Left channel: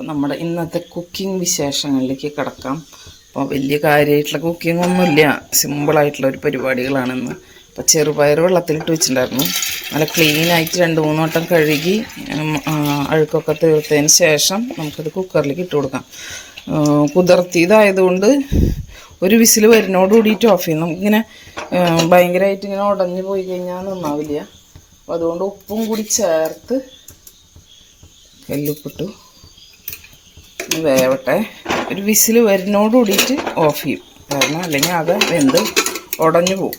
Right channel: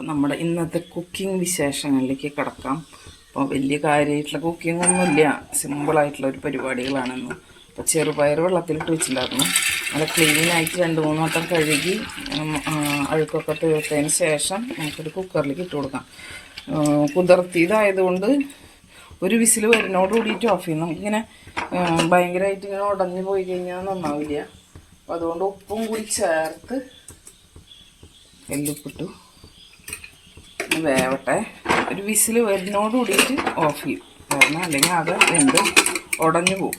അപ്പോൾ നമ്മുടെ ഇന്നത്തെ കുക്കിംഗ് വിശേഷങ്ങളിലേക്ക് കിടക്കാം. അപ്പോൾ വലിയ കാര്യമായിട്ടുള്ള കുക്കിംഗ് ഒന്നുമില്ല. സിമ്പിളായിട്ടുള്ള ഒരു പരിപാടികളാണെന്ന്. അപ്പോൾ ചെറുപയർ വെള്ളത്തിലിട്ട് വെച്ചിട്ടുണ്ടായിരുന്നു. നല്ല ക്ലീനായിട്ട് രണ്ട് മൂന്ന് വട്ടം കഴുകി അഴുക്കൊക്കെ തീർത്തതിന് ശേഷം നമുക്കത് കുക്കറിലേക്ക് ഇട്ട് കൊടുക്കാം. കുതിർത്തിയതായതുകൊണ്ട് ഒരു വിസിൽ വരുന്നോട് കൂടിയിട്ട് ഓഫ് ചെയ്യും നമുക്കിങ്ങനെ ഭയങ്കരമായിട്ട് ഇങ്ങനെ ഉടഞ്ഞു പോയി കഴിഞ്ഞാൽ നന്നാവില്ല. അപ്പോൾ അതുകൊണ്ട് ഉപ്പും കൂടി ചേർത്ത് കല്ലുപ്പിട്ടു ഇത് വേവട്ടെ. ഒരു വിസിൽ വരുന്നോട് കൂടിയിട്ട് ഓഫ് ചെയ്യും. കാരണം അല്ലെങ്കിൽ അത് വെന്ത് ഉടഞ്ഞു പോവും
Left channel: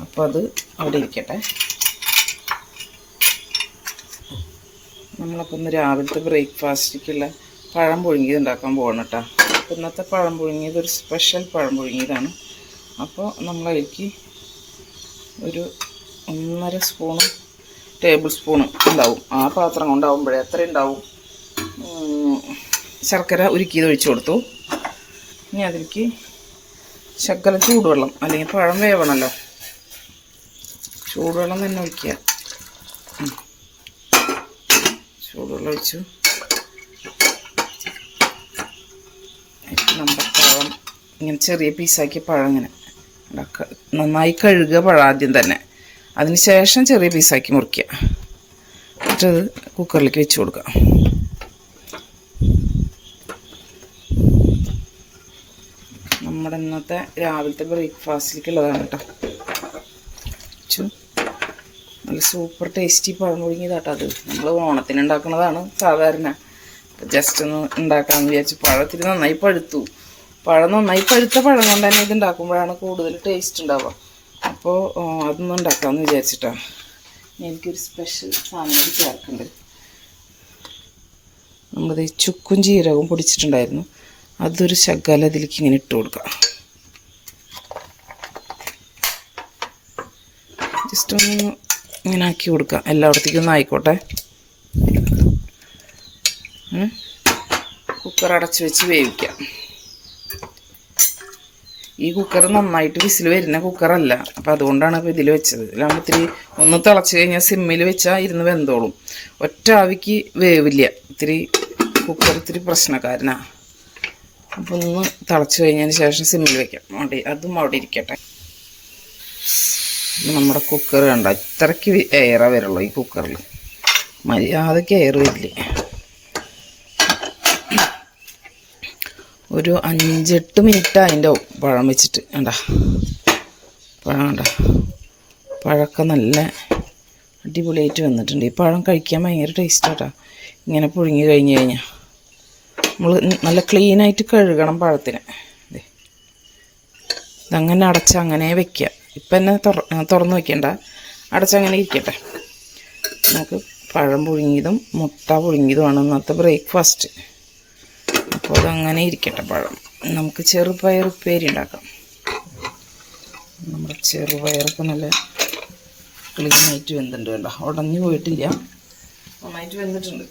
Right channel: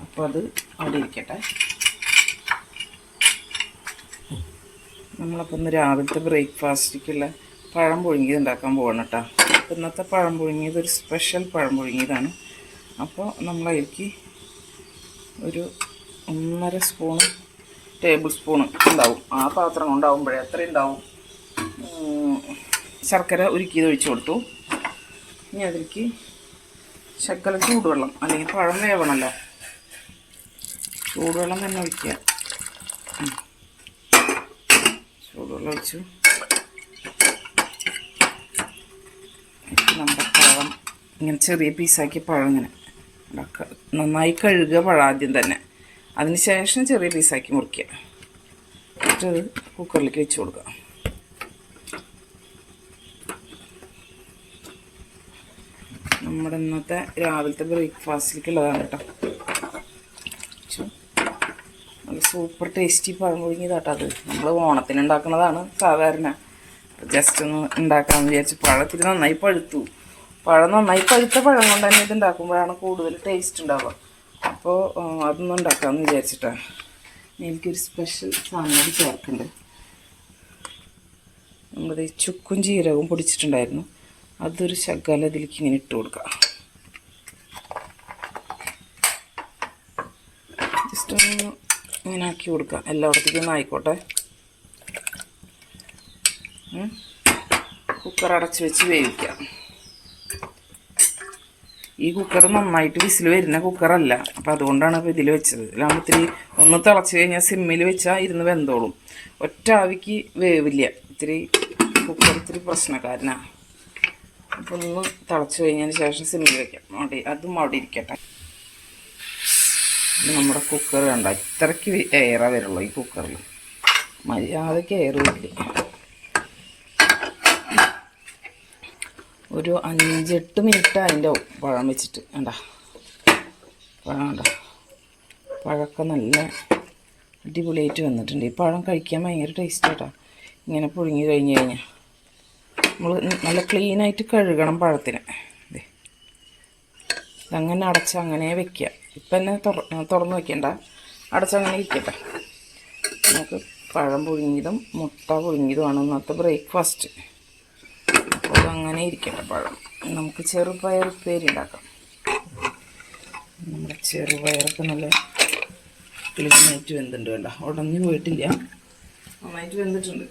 അപ്പോൾ അത് അവിടെ ഇരിക്കട്ടെ. നമ്മളപ്പോൾ ഇന്ന് രാവിലത്തെ ബ്രേക്ക്ഫാസ്റ്റിലേക്കുള്ള പഴം പുഴുങ്ങിയത് ഉണ്ടാക്കാൻ പോകണം കേട്ടോ. ഇന്നത്തെ പഴം പുഴുങ്ങിയത് ഒരു സ്പെഷ്യൽ പഴം പുഴുങ്ങിയതാണ്. അപ്പോൾ നമ്മളതിലേക്ക് ഒരു ഒന്നര സ്പൂണ് ടേബിൾ സ്പൂണ് ഉണ്ടാവും. ആ പാത്രം കൊണ്ടാവുമ്പോഴേ എത്ര ഉണ്ടാവും. ശർക്കര ഉരുക്കിയത് ഒഴിച്ചു കൊടുത്തു. ഇനി അതിലേക്ക് ശർക്കര ചൂടുവെള്ളം അല്ലെങ്കിൽ പഴം വേവണമല്ലോ ചൂടുവെള്ളം തന്നെ ഒഴിക്കുക. ചൂടുവെള്ളം ഒഴിച്ചു. നമ്മൾ പഴം. ഇങ്ങനെ ചെറിയ പീസാക്കി പഴം ഇങ്ങനെ. നന്നായി കഴുകുക പഴം ആദ്യം തന്നെ. അതിന് ശേഷം ചെറിയ പീസാക്കി മുറിക്കുക. എന്നിട്ടത് കുക്കറിലേക്ക് വെച്ച് കൊടുക്കുക നമ്മുടെ ഇന്നത്തെ രാവിലത്തെ ബ്രേക്ക്ഫാസ്റ്റിലേക്കുള്ളതാണ് കേട്ടോ. നല്ല സൂപ്പർ ടേസ്റ്റി പഴം പുഴുങ്ങിയതാട്ടോ അത്. നമ്മൾ ഓണത്തിന് ഉണ്ടാക്കുന്നതാണ് സാധാരണ ജസ്റ്റ് ഒന്ന് ഉണ്ടാക്കാമെന്ന് വിചാരിച്ചു പഴത്തിൽ നന്നായി പഴുത്തു. പഴം നന്നായി പഴുത്ത പഴം കൊണ്ട് തന്നെ ഇത് ഉണ്ടാക്കുമ്പോഴാണ് കൂടുതൽ ടേസ്റ്റ് ഉണ്ടാവുക. അപ്പോൾ അതൊന്നും ഉണ്ടാക്കാമെന്ന് വിചാരിച്ചിട്ടാണ് എനിക്കൊരു സ്പെഷ്യൽ സാധനം കൂടി ചേർക്കുന്നുണ്ട് നമ്മളത് ചുക്കും ജീരകവും പൊടിച്ചിട്ടുണ്ടായിരുന്നു. അതൊരു ശകലം ഇതിലേക്ക് ഇങ്ങനെ ഇട്ട് കൊടുക്കാം. ജസ്റ്റ് ഒന്ന് ഇങ്ങനെ ആക്കി കൊടുക്കാം. എല്ലായിടത്തേക്കും ഒന്ന് ആയിക്കോട്ടെ. കുക്കർ അടച്ച് വെച്ച് വേവിക്കാം. ഈ കുക്കർ നന്നായിട്ട് വിസിൽ വരുന്ന കുക്കറല്ല അപ്പോൾ അതുകൊണ്ടാണ് ഇപ്പോൾ ഇതിൽ വെച്ചത്. ഇതിലാകുമ്പോൾ ഇത്തിരി ഒന്ന് തിളച്ച് കഴിഞ്ഞാൽ സിമ്മിൽ വെച്ചാൽ ഇരുന്ന് വെന്തോളും. ഒറ്റ ആവിക്ക് വേവില്ല. ഇത്തിരി കുക്കർ ഇത്തിരി പ്രശ്നക്കാരനാണ് അപ്പോൾ ഒന്ന് തിളച്ച് കഴിഞ്ഞതിന് ശേഷം സിമ്മിൽ വെക്കാം. അതും അവിടെ ഇരിക്കട്ടെ. നമ്മുടെ കുക്കർ കണ്ട? ഇത്രയ്ക്ക് എയറാ വരുള്ളൂ ഈ കുക്കറിൽ മര്യാദയ്ക്ക് എയർ വരില്ലേ ഒരു അഞ്ചെട്ട് മിനിറ്റ് അതിന്റെ പഴം വെച്ചിട്ട്. വേണ്ട പഴം വേണ്ട പഴമൊക്കെ നല്ല അടിപൊളിയായിട്ട് വന്നിട്ടുണ്ട്. ഈ പഴം കഴിക്കാൻ ഭയങ്കര ടേസ്റ്റാട്ടാ ഇങ്ങനെ പുഴുങ്ങി കഴിഞ്ഞ് കഴിഞ്ഞാൽ നമ്മൾ നല്ല ക്ലീനായിട്ട് കഴുകണം പഴത്തിന്. ഇതങ്ങനെ അടച്ച് അങ്ങനെ വെക്കുക ഇപ്പം തന്നെ തുറ തുറന്ന് വയ്ക്കേണ്ട അടച്ചങ്ങനെ ഇരിക്കട്ടെ. നമുക്ക് പഴം പുഴുങ്ങിയതും മുട്ട പുഴുങ്ങിയതുമാണ് ഇന്നത്തെ ബ്രേക്ക്ഫാസ്റ്റ്. അപ്പോൾ അതങ്ങനെ ഇരിക്കട്ടെ പഴം. നമുക്ക് ചെറുപയർ ഉപ്പേരി ഉണ്ടാക്കാം. നമ്മുടെ ചെറുപയറൊക്കെ നല്ല ക്ലീനായിട്ട് വെന്തിട്ടുണ്ട് കേട്ടോ. ഉടഞ്ഞു പോയിട്ടില്ല. നന്നായിട്ട് വെന്തിട്ടുണ്ട്.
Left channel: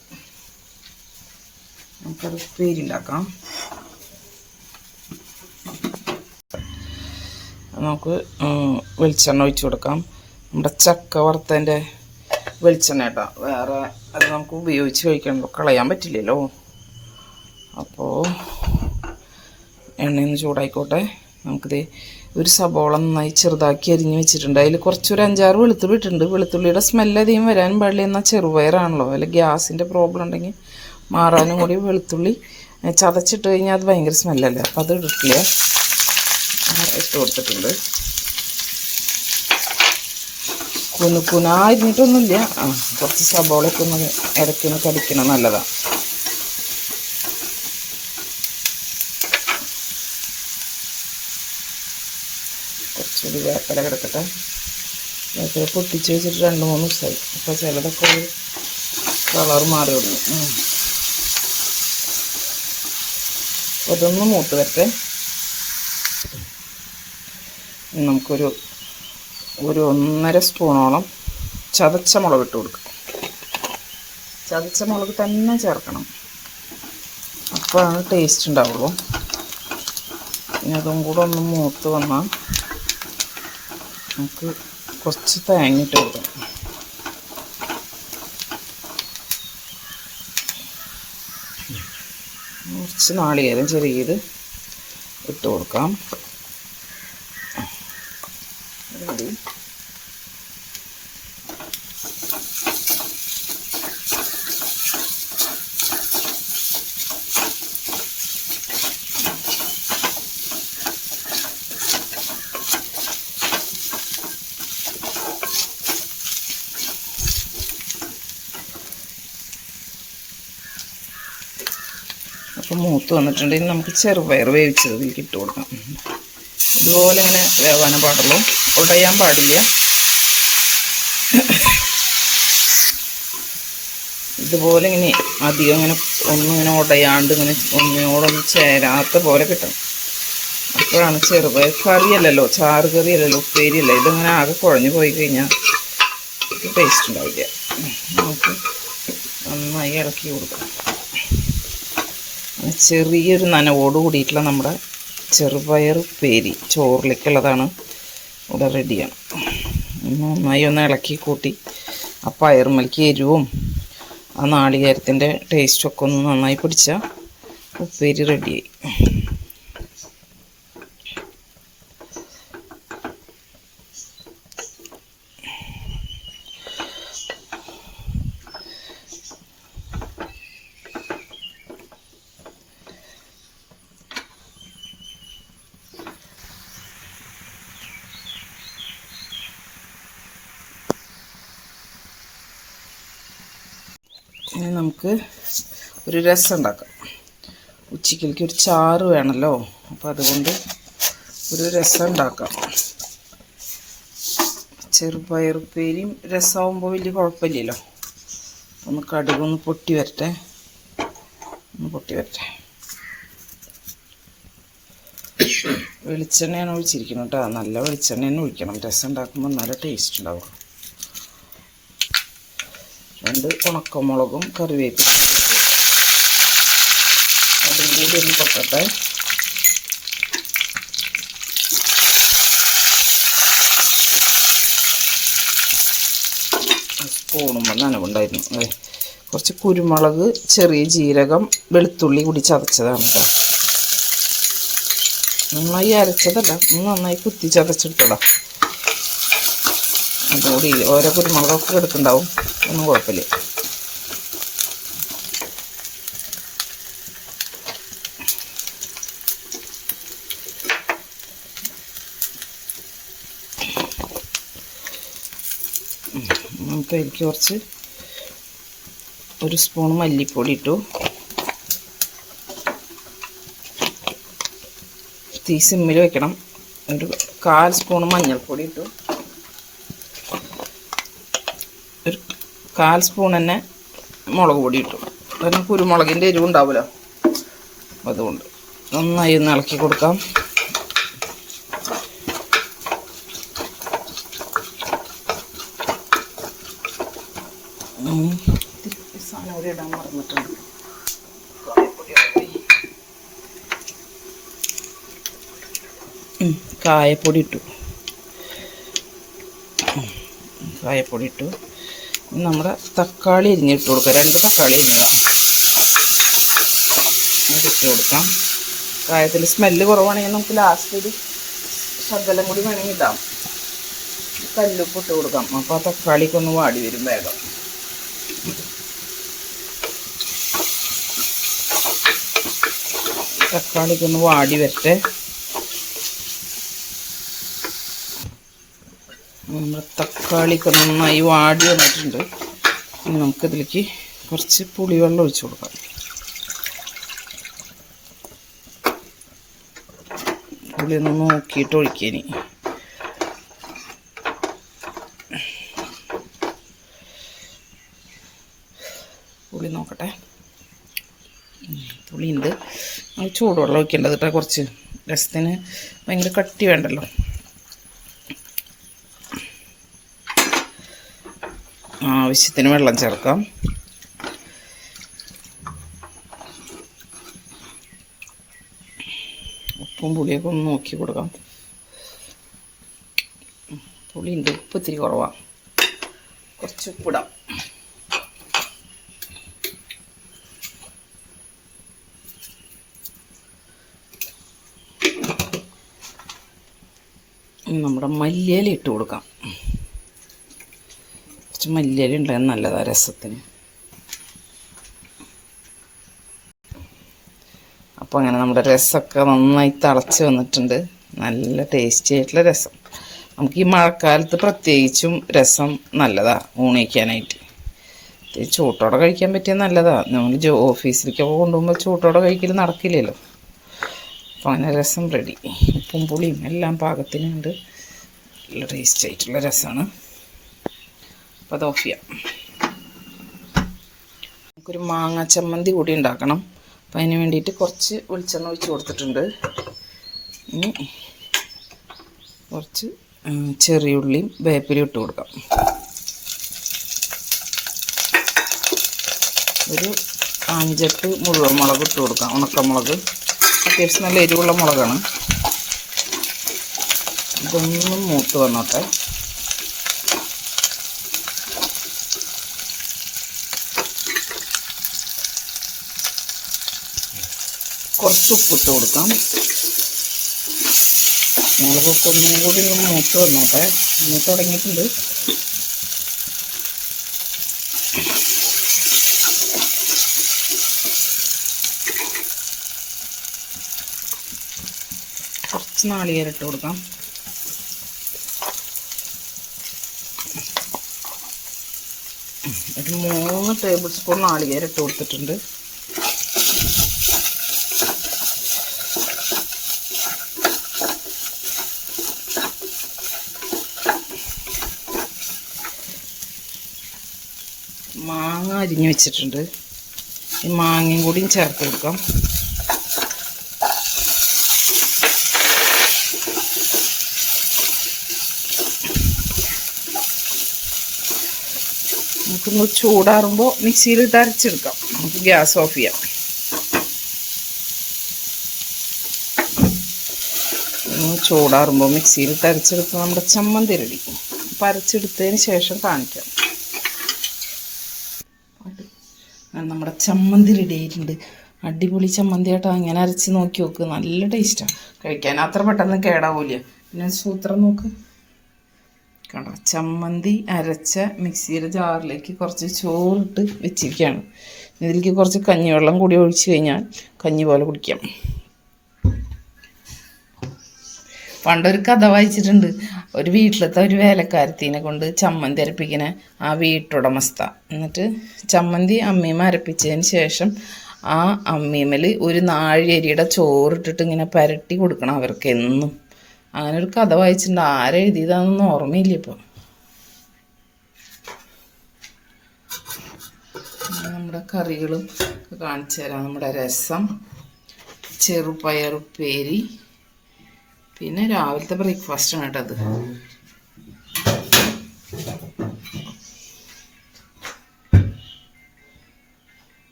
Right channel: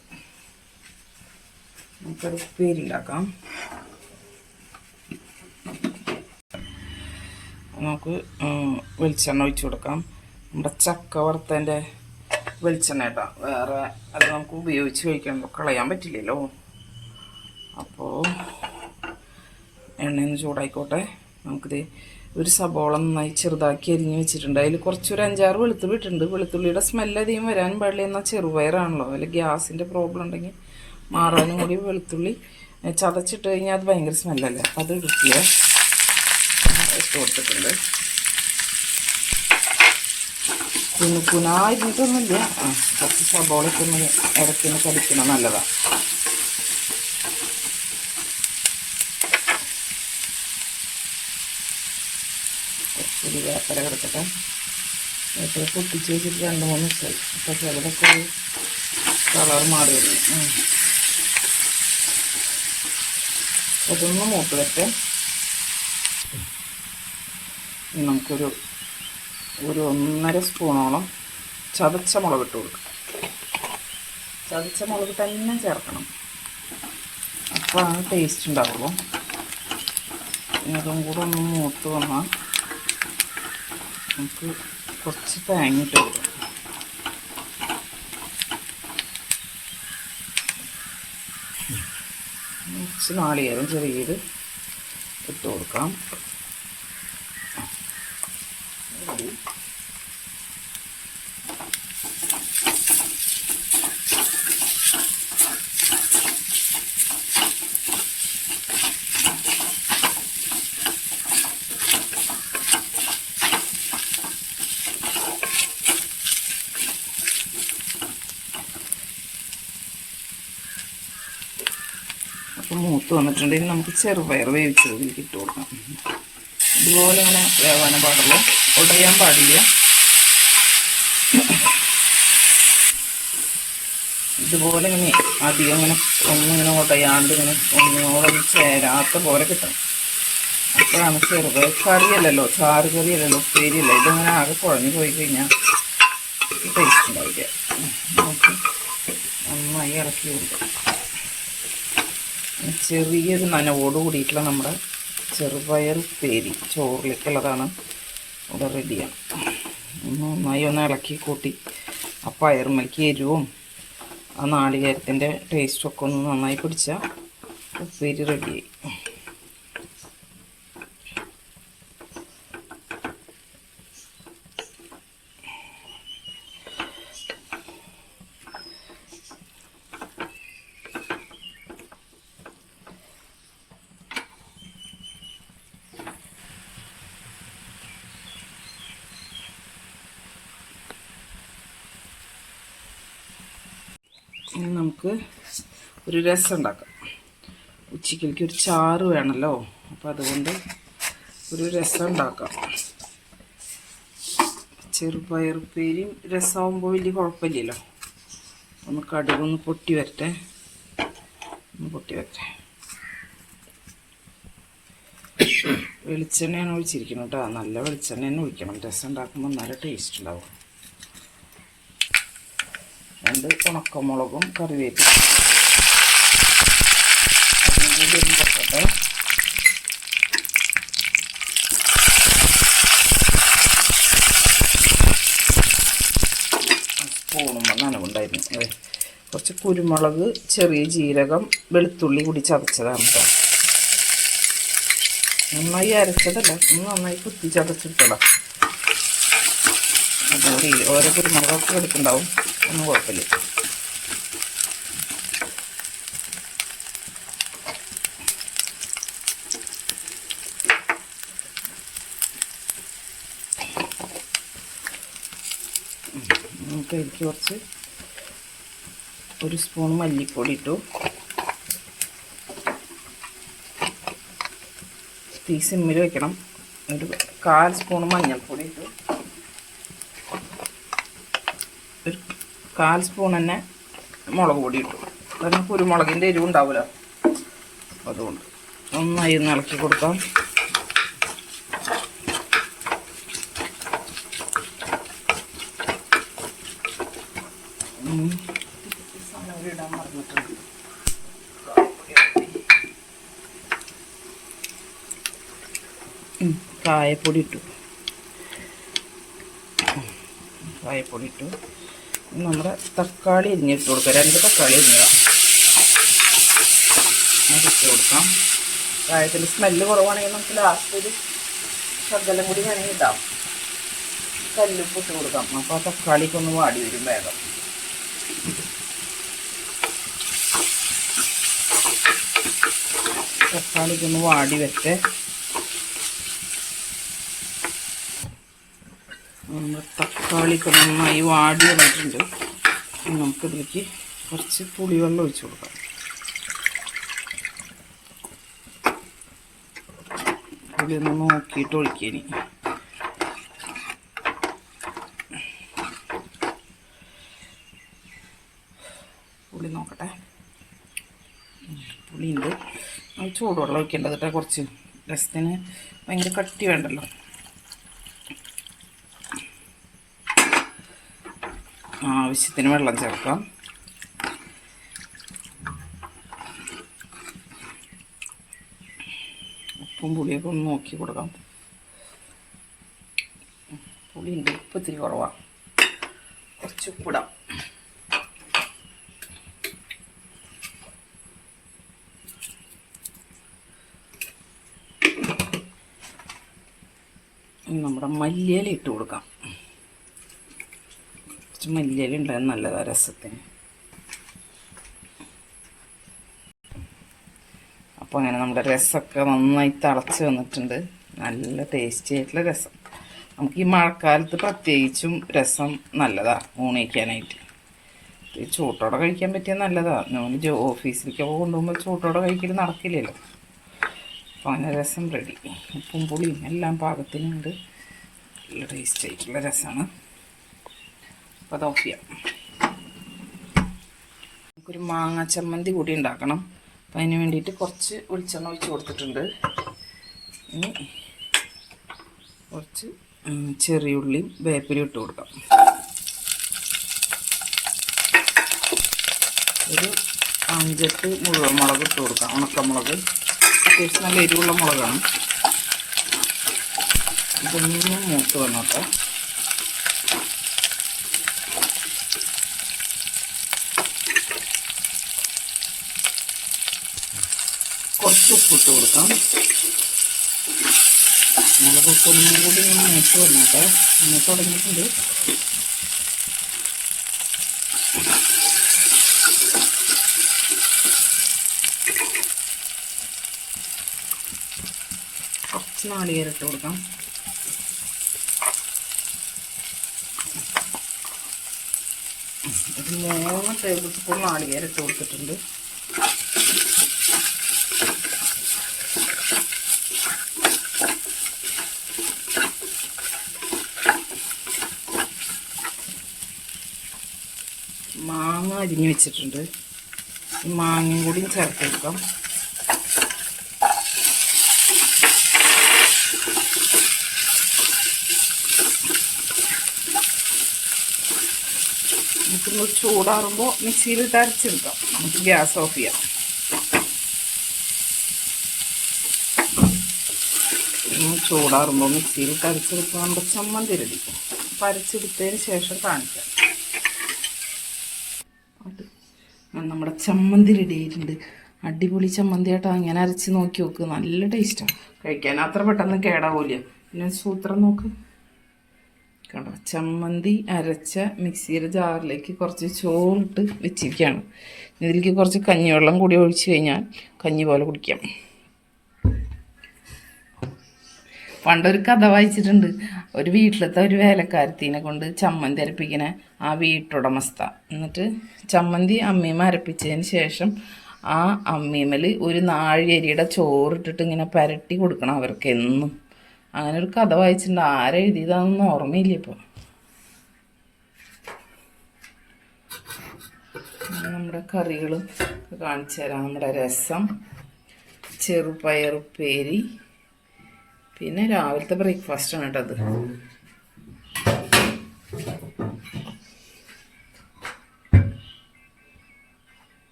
നമുക്കത് ഉപ്പേരി ഉണ്ടാക്കാം. നമുക്ക് വെളിച്ചെണ്ണ ഒഴിച്ച് കൊടുക്കാം. നമ്മുടെ ചക്ക വറുത്തതിന്റെ വെളിച്ചെണ്ണ കേട്ടോ. വേറെ അത് നമുക്ക് ഉപയോഗിച്ച് കഴിക്കണമല്ലോ കളയാൻ പറ്റില്ലല്ലോ. അപ്പോൾ എണ്ണയൊന്ന് ചൂടായിക്കോട്ടെ. നമുക്കിത് ഒരു സബോള നന്നായി ചെറുതാക്കി അരിഞ്ഞ് വെച്ചിട്ടുണ്ട്. അതിൽ കുറച്ചൊരു അഞ്ചാറ് വെളുത്തുള്ളി ഇട്ടിട്ടുണ്ട്. വെളുത്തുള്ളിയുടെ സ്മെല്ല് അധികം വരാനും പാടില്ല. എന്നാൽ ചെറുപയറാണല്ലോ. അതിൽ ഗ്യാസിന്റെ പ്രോബ്ലം ഉണ്ടെങ്കിൽ മാറാനും കൂടി വെളുത്തുള്ളി ചതച്ചിട്ട് കഴിഞ്ഞാൽ അത് ഭയങ്കര സ്മെല്ലല്ലേ അപ്പോൾ അത് ഇട്ടിട്ടില്ല. ഇട്ട് കൊടുത്തിട്ടുണ്ട് കുനു കുനായിരുന്നിട്ടൊന്നുമില്ല. ആ കുറച്ച് സബോളൊക്കെ ഒന്ന് ഇടയ്ക്കൊന്ന് കടിക്കണം നല്ലതാണ് കുറച്ചുകൂടി വേപ്പല കിടക്കട്ടെ. വേപ്പല പൊട്ടിച്ച് വെച്ചിട്ട് രണ്ട് മൂന്ന് ദിവസമായി. അപ്പോൾ ചിലതൊക്കെ ഒരു കളർ മാറി ഉം. ഇതൊന്ന് മൂത്ത് വരട്ടെ. ഇനി നമുക്കൊരു ഒരു ഒന്നര സ്പൂണോളം ചതച്ച മുളക് ഇട്ട് കൊടുക്കാം. ചതച്ച മുളക് തന്നെ ചേർക്കണം. അപ്പോഴാണ് ടേസ്റ്റ് ഉണ്ടാവുള്ളൂ. ഇനി അതും കൂടെ ഒന്ന് മൂത്ത് വന്നാൽ നമുക്ക് കുറച്ച് തേങ്ങിട്ട് കൊടുക്കാം. കുറച്ച് നാളികേരം ചെറിയത് ഇട്ട് കൊടുക്കാം ഇത് മതി. മൂത്ത് വന്നിട്ടുണ്ടെങ്കിൽ നമുക്ക് ചെറുപയർ വേവിച്ചത് ഇതിലേക്ക് ഇട്ട് കൊടുക്കാം. ഇതുപോലെ ഇങ്ങനെ വേവാനും പാടില്ല ഉടയാൻ പാടില്ല. ഇതുപോലെ ഇങ്ങനെ അധികം ഇങ്ങനെ ഒന്നും ഇങ്ങനെ ഉടയാണ്ട് ഇങ്ങനെ ഒന്നിനോടൊന്നും ചേരാത്ത പോലെ കിട്ടും അപ്പോഴാണ് ചെറുപയർ കറിയല്ലല്ലോ ചാറ് കറിയല്ലല്ലോ ഉപ്പേരിയല്ല ഇതിങ്ങനെ ആകെ കുഴഞ്ഞു പോയി കഴിഞ്ഞാൽ ടേസ്റ്റ് ഉണ്ടാവില്ല. നമുക്ക് നന്നായി ഇറക്കി കൊടുക്കാം. ചെറിയൊരു നനവോട് കൂടിയിട്ടുള്ള നമ്മുടെ ചെറുപയർ പേരി ചോറിലേക്കുള്ളതാണ് ഇവിടെ റെഡിയാണ്. നന്നായി ഒന്ന് ഇളക്കി കൂട്ടി. ആ പയറുമലക്ക് എരിവും ആ നാളികേരത്തിന്റെ ടേസ്റ്റൊക്കെ ഒന്ന് നന്നായി പിടിച്ചാൽ ഉപ്പേരി റെഡിയായി ഇനി നമുക്ക് ഒരു രസം ഉണ്ടാക്കാം. ഉച്ചക്കിലേക്ക് ഒരു ചാറ് വേണമല്ലോ അപ്പോൾ അതുകൊണ്ട് ഒരു രസം ഉണ്ടാക്കാം. ചെറുപയറുപ്പേരിയും രസമാകുമ്പോൾ വലിയ കുഴപ്പമില്ലല്ലോ ഒന്ന് കടുകൊന്ന് പൊട്ടി വരട്ടെ. ഒന്ന് പൊട്ടി വരട്ടെ. വെളിച്ചെണ്ണയാണ് ഒഴിച്ചിരിക്കുന്നത് കേട്ടോ. നല്ല വെളിച്ചെണ്ണ തന്നെ ഒഴിക്കണം. രസം ഉണ്ടാക്കുമ്പോൾ നല്ല ടേസ്റ്റ് ഉണ്ടാവും. രണ്ട് ഉണക്കമുളകും കറിവേപ്പില. അതും കൂടി ഒന്ന് തട്ടട്ടെ സ്പൂണുമ്പോൾ നനവുണ്ടായിരുന്നു. അതെ. കുറച്ച് കുരുമുളക് ചെറിയ ജീരകം വെളുത്തുള്ളി കൂടി ചതച്ചതാണ് കേട്ടോ നന്നായി അരച്ചതല്ല നന്നായി കുത്തി ചതച്ചെടുത്തോളാം. അതുകൂടി ഓരോ കുരുമുളകൊക്കെ എടുക്കുന്നുണ്ടാവും. ഒന്നും കുഴപ്പമില്ല. അപ്പോൾ എനിക്ക് കുറച്ച് ഒരു സ്പൂൺ മല്ലിപ്പൊടി ഇട്ടു. തീ സിമ്മിൽ വെക്കണം. ഒരു കാൽ സ്പൂൺ മഞ്ഞൾപ്പൊടി ഇട്ടു ഒരു കാൽ സ്പൂൺ തന്നെ മുളക് പൊടി ഇട്ടു. കാരണം കുരുമുളകിന്റെ എരിവുണ്ടാവുമല്ലോ അതുകൊണ്ട് നന്നായി ഒന്ന് ഇളക്കി കൊടുക്കാം. കായപ്പൊടി ഇട്ടു. കായപ്പൊടി ഇട്ടു. നമ്മുടെ തക്കാളി അരിഞ്ഞിട്ട് കൊടുക്കുക രണ്ട് തക്കാളി അരിഞ്ഞതാണ് ഇട്ട് കൊടുക്കാം. പ്രായത്തിൽ സ്മെല്ല് കുറവാണെങ്കിൽ നമുക്ക് ലാസ്റ്റ് ഒരു ശകലം കൂടി വേണമെങ്കിൽ ഇടാം. കല്ലുപ്പ് ഇട്ട് കൊടുക്കാം. അപ്പോൾ ആ തക്കാളിക്കൊന്ന് വാടി വരും വേഗം. തക്കാളിക്കൊന്ന് വാടി വരട്ടെ. നമ്മുടെ തക്കാളിക്ക് നന്നായി വാടി വന്നിട്ടുണ്ട്. ഇനി നമുക്കിതിലേക്ക് കുറച്ച് പുളിവെള്ളം ഒഴിച്ചു കൊടുക്കാം. പുളി ഒന്ന് നോക്കിയിട്ട് ഇനി. പുളി നോക്കട്ടെ. പുളിയുണ്ട്. ചൂടുവെള്ളം ഒഴിക്കേണ്ടത് കേട്ടോ കുറച്ച്. രസത്തിന് ഭയങ്കര കട്ടി വേണ്ടല്ലോ. ആവശ്യത്തിന് വെള്ളം ചേർക്കാം. ഉപ്പും പുളിയൊക്കെ ഒന്ന് നോക്കി കൊടുക്കാം. പുളിയുണ്ട് ഉപ്പ് ഇത്തിരി കുറവാണ് കുറച്ച് ഉപ്പിടാം. നമ്മുടെ മല്ലിയില ഇട്ട് കൊടുക്കാം. മല്ലിയില ഉണ്ടായാൽ നല്ലതാണ് രസത്തിന്. അപ്പോൾ അങ്ങനെ നമ്മുടെ രസമൊക്കെ നന്നായി തിളച്ച് വന്നിട്ടുണ്ട്. നല്ല ടേസ്റ്റി ആയിട്ടുള്ള രസം. നമുക്ക് ഈ മഴക്കാലത്ത് പ്രത്യേകിച്ചും രസം നല്ലതാ ഊണിക്കാനായിട്ട് ചൂട്ടോടെ കഴിക്കാൻ പറ്റിയ നല്ലതാണ് നമ്മൾ ജോ ഓഫീസിലേക്കൊക്കെ കൊണ്ടുപോകുമ്പോൾ ചൂട്ടോടെ കഴിക്കൽ നടക്കില്ലല്ലോ. അപ്പോൾ അങ്ങനെ രസം റെഡി ഉപ്പും പുളിയും എല്ലാം പാകത്തിനുണ്ട്. നല്ല ടേസ്റ്റ് ആയിട്ടുള്ള രസമാണ് അപ്പോൾ അത് ഓഫ് ചെയ്യാം നമുക്കൊരു മാങ്ങ ചമ്മന്തി കൂടി ഉണ്ടാക്കണം. അപ്പം അതിന് വേണ്ടിയിട്ട് കുറച്ച് വെളിച്ചെണ്ണ ഒഴിച്ച് കൊടുത്തിട്ടുണ്ട്. ഇനി കുറച്ച് ചെറിയ ചെറിയുള്ളിയും വേപ്പിലും ഇട്ട് കൊടുക്കാം. ഒരു അഞ്ചെട്ട് മുഴുവൻ മുളക് ഇട്ട് കൊടുക്കാം. ഉണക്കമുളക്. അത്യാവശ്യം നല്ല എരിവുള്ള മുളകാണ്. ഇതൊന്നും മൂത്ത് വന്നോട്ടെ. കുറച്ച് ഉപ്പിട്ട് കൊടുക്കാം. മുളകിട്ട് ഒന്നും കൂടി ഒന്ന് മൂത്ത് വന്നോട്ടെ. മൂത്ത് തുടങ്ങിയിട്ടുണ്ട്. കുറച്ച് നാളികേരിട്ട് കൊടുക്കാം. ഒരു മൂന്ന് ടേബിൾ സ്പൂൺ നാളികേരിട്ട് കൊടുത്തിട്ടുണ്ട് മാങ്ങ അരിഞ്ഞ് വെച്ചിട്ടുണ്ട്. ഈ മാങ്ങയും കൂടിയും ചേർത്ത് വെക്കാം നമുക്കിന്ന് ചൂടാറുമ്പോൾ മിക്സിയിൽ തരച്ചെടുക്കാം. നമുക്ക് ഗ്യാസ് ഓഫ് ചെയ്യാം. ചൂടാറുമ്പോൾ മിക്സിയിൽ തരച്ചെടുക്കുമ്പോൾ നമ്മുടെ ചമ്മന്തി റെഡി. അപ്പം അരച്ചെടുത്തതിന് ശേഷം കാണിക്കാം ഞാൻ നമ്മുടെ ചമ്മന്തി റെഡി ആയിട്ടുണ്ട് അടിപൊളി ചമ്മന്തി ആട്ടോ അങ്ങനെ അരച്ച് നോക്കി നോക്ക്. നല്ല ടേസ്റ്റാണ് കഴിക്കാൻ അത്ര പെട്ടെന്ന് കേടാവൂല പിന്നെ സൂത്രം നോക്ക്. കണ്ടോ? ചമ്മന്തി അരച്ച മിക്സിയുടെ ജാറിലേക്ക് കുറച്ച് ചോറിട്ട് വെച്ചിരിക്കുകയാണ്. ഇതിലേക്ക് കുറച്ച് കഞ്ഞിവെള്ളം കൂടി ഒഴിച്ച് കഴിഞ്ഞാൽ കഞ്ഞി പോലെ കുടിക്കാം. പണ്ടൊരു കഥ വായിച്ചിട്ടുണ്ട്. ഒരു വീട്ടിലത്തെ ഒരു വേലക്കാരത്തിനെ കൊണ്ട് ചമ്മന്തി അരപ്പിക്കണ ആ വീട്ടുടമസ്ഥ. എന്നിട്ട് ചമ്മന്തി അമ്മീമ അരപ്പിച്ചതിന് ശേഷം ആ അമ്മീമൽ ഒരു നാഴിയരിയുടെ ചോറിട്ടിട്ട് ഇങ്ങനെ പരട്ടി കൊടുക്കണം അവർക്ക് എന്നും അങ്ങനെ ഒരു കഥ വായിച്ചിട്ടുണ്ട്. ആരെഴുതിയതാണെന്നൊന്നും ഓർമ്മയില്ല ഇപ്പോൾ നമ്മുടെ കറികളും കാണിച്ചു തരാം നമ്മുടെ രസം ചെറുപയറുപ്പേരി പിന്നെ രാവിലത്തെ ബ്രേക്ക്ഫാസ്റ്റ് ആണ് കേട്ടോ അത്.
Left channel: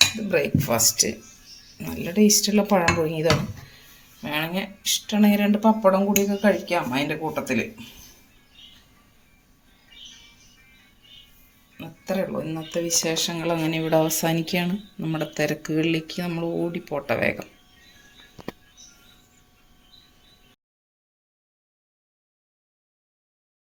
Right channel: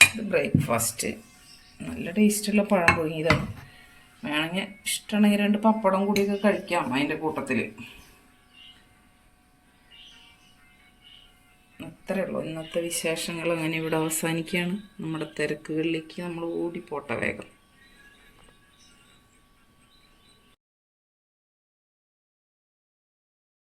ഇത് ബ്രേക്ക്ഫാസ്റ്റ് നല്ല ടേസ്റ്റുള്ള പഴം പുഴുങ്ങിയതാണ് വേണമെങ്കിൽ ഇഷ്ടമാണെങ്കിൽ രണ്ട് പപ്പടം കൂടിയൊക്കെ കഴിക്കാം അതിന്റെ കൂട്ടത്തിൽ. അത്രേ ഉള്ളൂ. ഇന്നത്തെ വിശേഷങ്ങൾ അങ്ങനെ ഇവിടെ അവസാനിക്കുകയാണ്. നമ്മുടെ തിരക്കുകളിലേക്ക് നമ്മൾ ഓടിപ്പോട്ടെ വേഗം.